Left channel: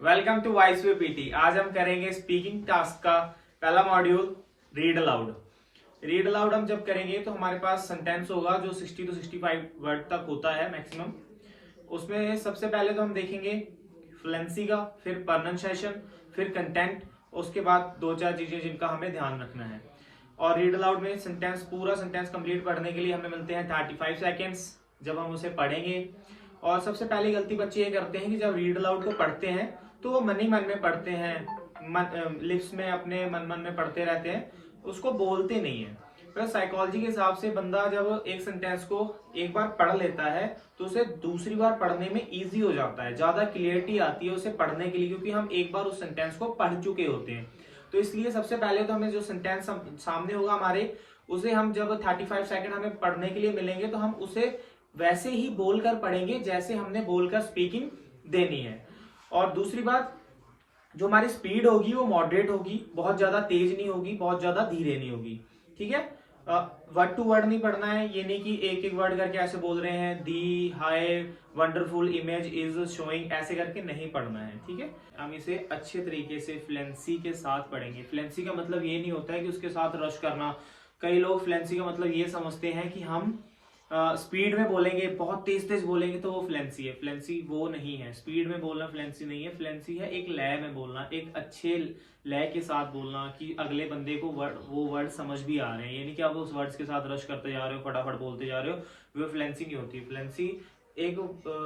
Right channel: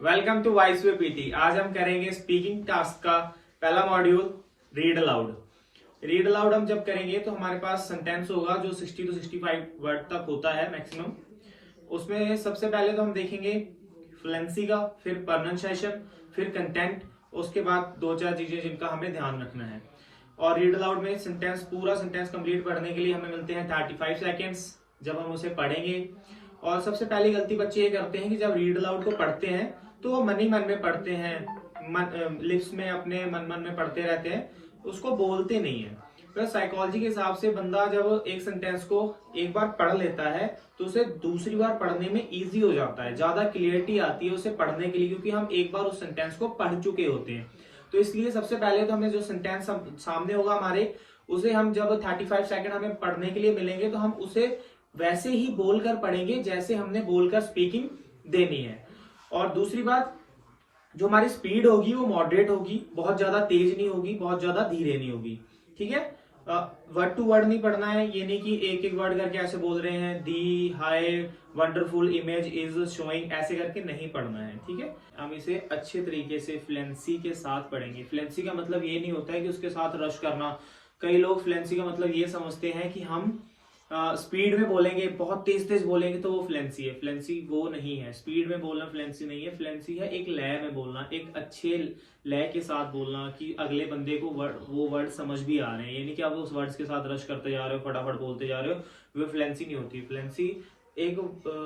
Welcome to voice way PT. आज हम करेंगे स्पीकिंग टास्क का पहला module, read aloud. Read aloud हम जब करेंगे तो हमारे पास सेंटेंस होगा जो 60 to 65 वर्ड तक होता है मैक्सिमम। उसमें सबसे पहले तो हम देखेंगे फ्लुएंसी का, फिर प्रोनाउंसिएशन, फिर कंटेंट, उसके बाद दो चार चीजें जिनका हमें ध्यान रखना है। और रीड अलाउड में पूरा सेंटेंस कंप्लीट पढ़ने के लिए हमें मिलते हैं 35 सेकेंड्स जब हम उसे पढ़ेंगे। और सबसे पहली गलती बच्चे ये करते हैं कि जब रीड अलाउड को पढ़ते हैं तो वो मन ही मन में पढ़ते हैं, लिप्स में अपने मन मन में पढ़ते रहते हैं, उसको बोलते नहीं है। तो साइकोलॉजी के हिसाब से बंदा जब एक सेंटेंस को एक बार पढ़ लेता है तो उसे दूसरी बार पढ़ने में इजी हो जाता है, ज्यादा क्लियरिटी आती है उसे पढ़ने के लिए, क्योंकि हम एक बार उस सेंटेंस को पढ़ चुके होते हैं। तो इसलिए सबसे पहले तो हमें जो सेंटेंस सामने होगा हमारे, उसे हम जब 35 सेकंड हमें पढ़ने के लिए मिलेंगे तो हम उसे वैसे ही बोलकर पढ़ेंगे जैसे हमने बोलकर स्पीकिंग देनी है। और दूसरी बात, जो हमारी स्पीड होगी वो मॉडरेट होगी, बहुत ज्यादा तेज नहीं होगी, बहुत ज्यादा धीरे नहीं होगी। ठीक है, वर्ड टू वर्ड नहीं पढ़ना है, ये नहीं कि एक एक वर्ड करके ऐसे बोल रहे हैं, the high wonderful image is showing, ऐसे करके नहीं पढ़ना है। ठीक है, हम इसे अच्छे तरीके से फ्लुएंसी के साथ पढ़ेंगे। फ्लुएंसी का मतलब ये नहीं होता है कि उसके साथ रश करना। कई लोग फ्लुएंसी का मतलब ये समझते हैं कि हम स्पीड में बोलेंगे, बहुत तेज तेज बोलेंगे तो वो फ्लुएंसी है। फ्लुएंसी वो नहीं है, स्पीड में बोलना फ्लुएंसी नहीं है। फ्लुएंसी है एक लय में बोलना, एक अच्छे लय के साथ बोलना कि अगले बंदे को वो वर्ड समझ भी आ रहे हैं। ये नहीं कि आप उस वर्ड्स के साथ रश करते जा रहे हो, फटाफट बोलते जा रहे हो, वो फ्लुएंसी नहीं होती। फ्लुएंसी एक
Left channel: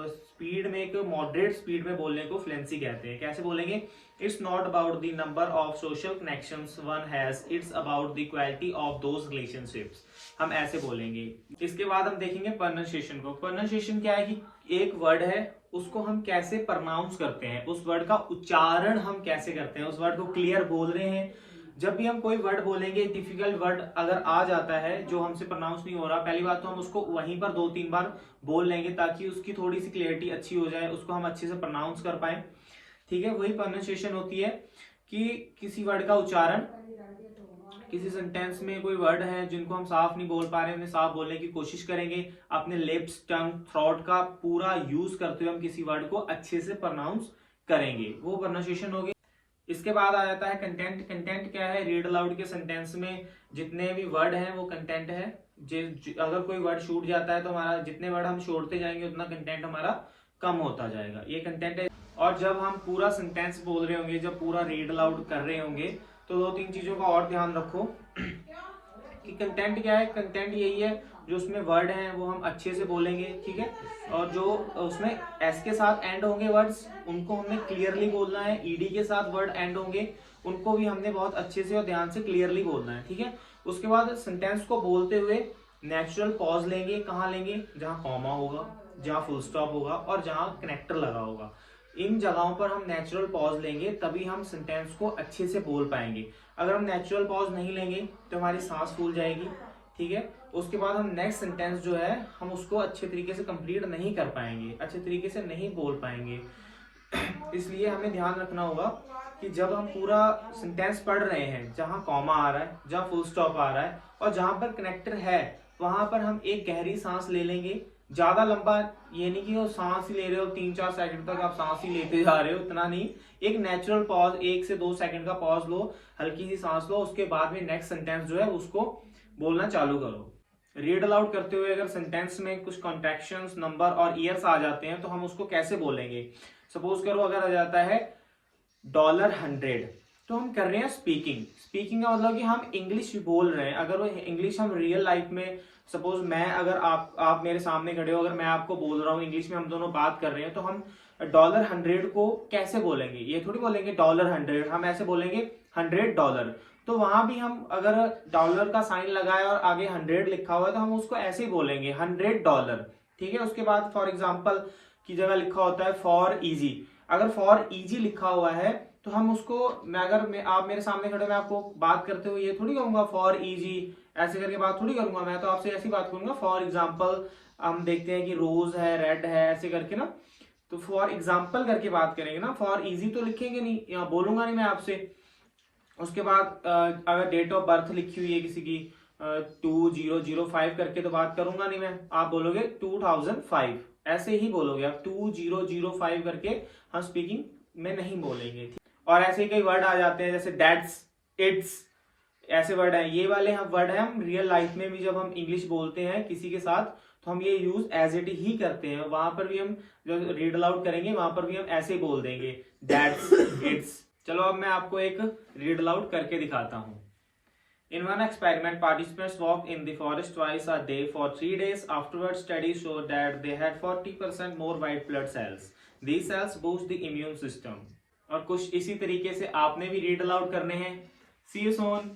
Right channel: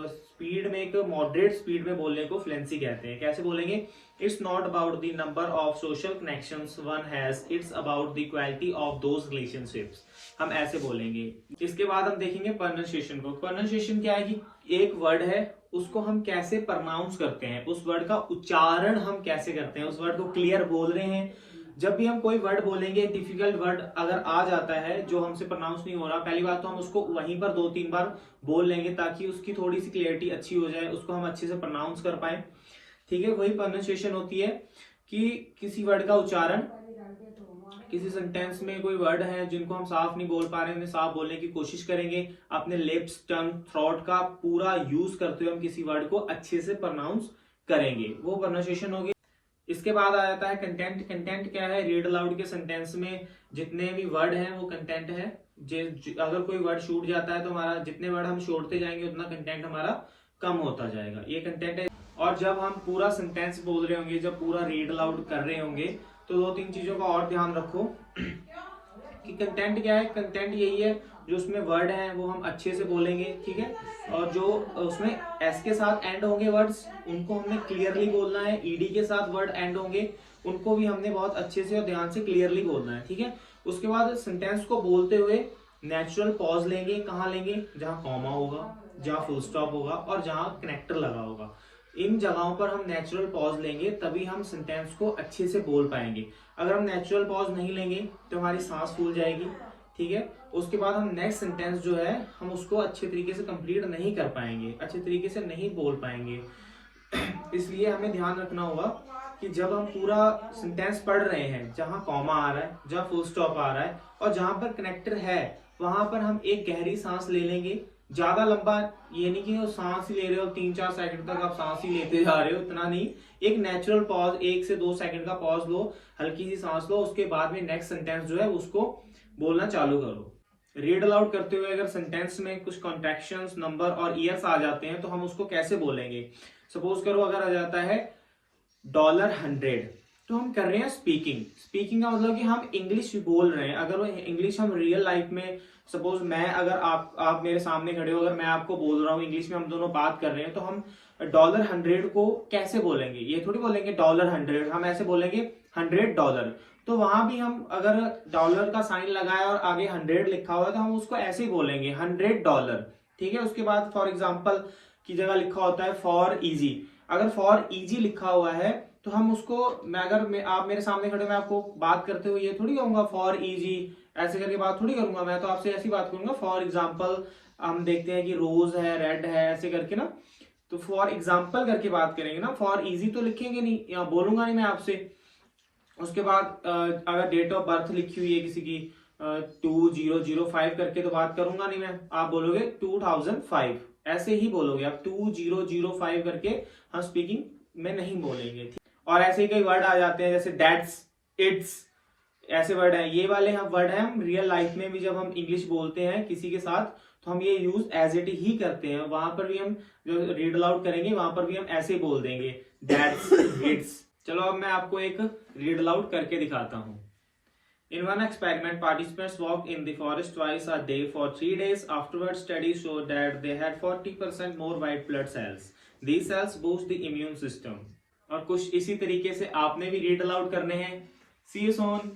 स्पीड में, एक मॉडरेट स्पीड में बोलने को फ्लुएंसी कहते हैं। कैसे बोलेंगे? It's not about the number of social connections one has, it's about the quality of those relationships. हम ऐसे बोलेंगे। इसके बाद हम देखेंगे प्रोनाउंसिएशन को। प्रोनाउंसिएशन क्या है कि एक वर्ड है, उसको हम कैसे प्रोनाउंस करते हैं, उस वर्ड का उच्चारण हम कैसे करते हैं, उस वर्ड को क्लियर बोल रहे हैं। जब भी हम कोई वर्ड बोलेंगे, डिफिकल्ट वर्ड अगर आ जाता है जो हमसे प्रोनाउंस नहीं हो रहा, पहली बात तो हम उसको वहीं पर 2-3 बार बोल लेंगे ताकि उसकी थोड़ी सी क्लियरिटी अच्छी हो जाए, उसको हम अच्छे से प्रोनाउंस कर पाए। ठीक है, वही प्रोनाउंसिएशन होती है कि किसी वर्ड का उच्चारण, किसी सेंटेंस में कोई वर्ड है जिनको हम साफ नहीं बोल पा रहे हैं, उन्हें साफ बोलने की कोशिश करेंगे। अपने लिप्स, टंग, थ्रोट का पूरा यूज करते हुए हम किसी वर्ड को अच्छे से प्रोनाउंस करेंगे, वो प्रोनाउंसिएशन हो गई। इसके बाद आ जाता है कंटेंट। कंटेंट क्या है? रीड अलाउड के सेंटेंस में जितने भी वर्ड हैं वो कंटेंट है। अगर कोई वर्ड छूट जाता है तो हमारा, जितने वर्ड हम छोड़ते जाएंगे उतना कंटेंट हमारा कम होता जाएगा, ये कंटेंट है। और जब हम पूरा सेंटेंस बोल रहे होंगे, जब पूरा रीड अलाउड कर रहे होंगे, तो 2-3 चीजों का और ध्यान रखो कि कंटेंट क्या है। कंटेंट यही है, जो उसमें वर्ड हैं वो हम अच्छे से बोलेंगे। ठीक है, और जो उसमें एस के साथ एंड होंगे वर्ड्स, उनको हमने क्लियरली बोलना है। ईडी के साथ वर्ड एंड होंगे, उनको भी हमने बहुत अच्छे से और ध्यान से क्लियरली बोलना है। ठीक है, उसके बाद सेंटेंस को बोलते हुए नेचुरल पॉज लेंगे। कहाँ लेंगे? जहां कॉमा होगा, जहां फुल स्टॉप होगा और जहां कनेक्टर लगा होगा, इन जगहों पर हम नेचुरल पॉज लेंगे, तभी हम सेंटेंस को अच्छे से बोल पाएंगे। अगर हम नेचुरल पॉज नहीं लेंगे तो हमारी सांस फूल जाएगी। ठीक है, उसके बाद हम नेक्स्ट सेंटेंस जो है हम उसको अच्छे तरीके से कंप्लीट नहीं कर पाएंगे, अच्छे तरीके से नहीं बोल पाएंगे। इसलिए हमें ध्यान रखना होगा कि जब हम पूरा सेंटेंस पढ़ रहे हैं, जहां कॉमा आ रहा है, जहां फुल स्टॉप आ रहा है और जहां पर कनेक्टर है, वहां पर हम एक गहरी सांस ले लेंगे। ज्यादा लंबा ये नहीं कि वो सांस ही ले रहे हो, 3-4 सेकंड तक आप सांस ही लेते जा रहे हो, इतना नहीं। एक नेचुरल पॉज, 1 से 2 सेकंड का पॉज लो, हल्की सी सांस लो, उसके बाद में नेक्स्ट सेंटेंस जो है उसको बोलना चालू करो। रीड अलाउड करते हुए अगर सेंटेंस में कुछ कॉन्ट्रैक्शंस, नंबर और ईयर्स आ जाते हैं तो हम उसको कैसे बोलेंगे? सपोज करो अगर आ जाता है $100, तो हम कर रहे हैं स्पीकिंग। स्पीकिंग का मतलब कि हम इंग्लिश बोल रहे हैं। अगर वो इंग्लिश हम रियल लाइफ में, सपोज मैं, अगर आप मेरे सामने खड़े हो, अगर मैं आपको बोल रहा हूँ इंग्लिश में, हम दोनों बात कर रहे हैं, तो हम $100 को कैसे बोलेंगे? ये थोड़ी बोलेंगे $100, हम ऐसे बोलेंगे $100। तो वहां भी हम अगर डॉलर का साइन लगाया और आगे 100 लिखा हुआ है तो हम उसको ऐसे ही बोलेंगे $100। ठीक है, उसके बाद फॉर एग्जाम्पल की जगह लिखा होता है फॉर इजी। अगर फॉर इजी लिखा हुआ है तो हम उसको, आप मेरे सामने खड़े, मैं आपको बात करते हुए ये थोड़ी कहूंगा फॉर इजी, ऐसे करके बात थोड़ी करूंगा। मैं तो आपसे ऐसी बात करूंगा, फॉर एग्जाम्पल हम देखते हैं कि रोज है, रेड है, ऐसे करके ना, तो फॉर एग्जाम्पल करके बात करेंगे ना। फॉर इजी तो लिखेंगे नहीं, या बोलूंगा नहीं मैं आपसे। उसके बाद अगर डेट ऑफ बर्थ लिखी हुई है किसी की 2005 करके, तो बात करूंगा नहीं मैं, आप बोलोगे 2005, ऐसे ही बोलोगे आप 2005 करके हम स्पीकिंग में नहीं बोलेंगे। और ऐसे ही कई वर्ड आ जाते हैं जैसे दैट्स, इट्स, ऐसे वर्ड हैं। ये वाले हम वर्ड हैं, हम रियल लाइफ में भी जब हम इंग्लिश बोलते हैं किसी के साथ तो हम ये यूज एज इट ही करते हैं। वहां पर भी हम जो रीड अलाउड करेंगे वहां पर भी हम ऐसे बोल देंगे दैट्स, इट्स। चलो अब मैं आपको एक रीड अलाउड करके दिखाता हूँ। In one experiment, participants walked in the forest twice a day for 3 days. Afterwards, studies showed that they had 40% more white blood cells. These cells boost the immune system. और कुछ इसी तरीके से आपने भी रीड अलाउड करने हैं। See you soon.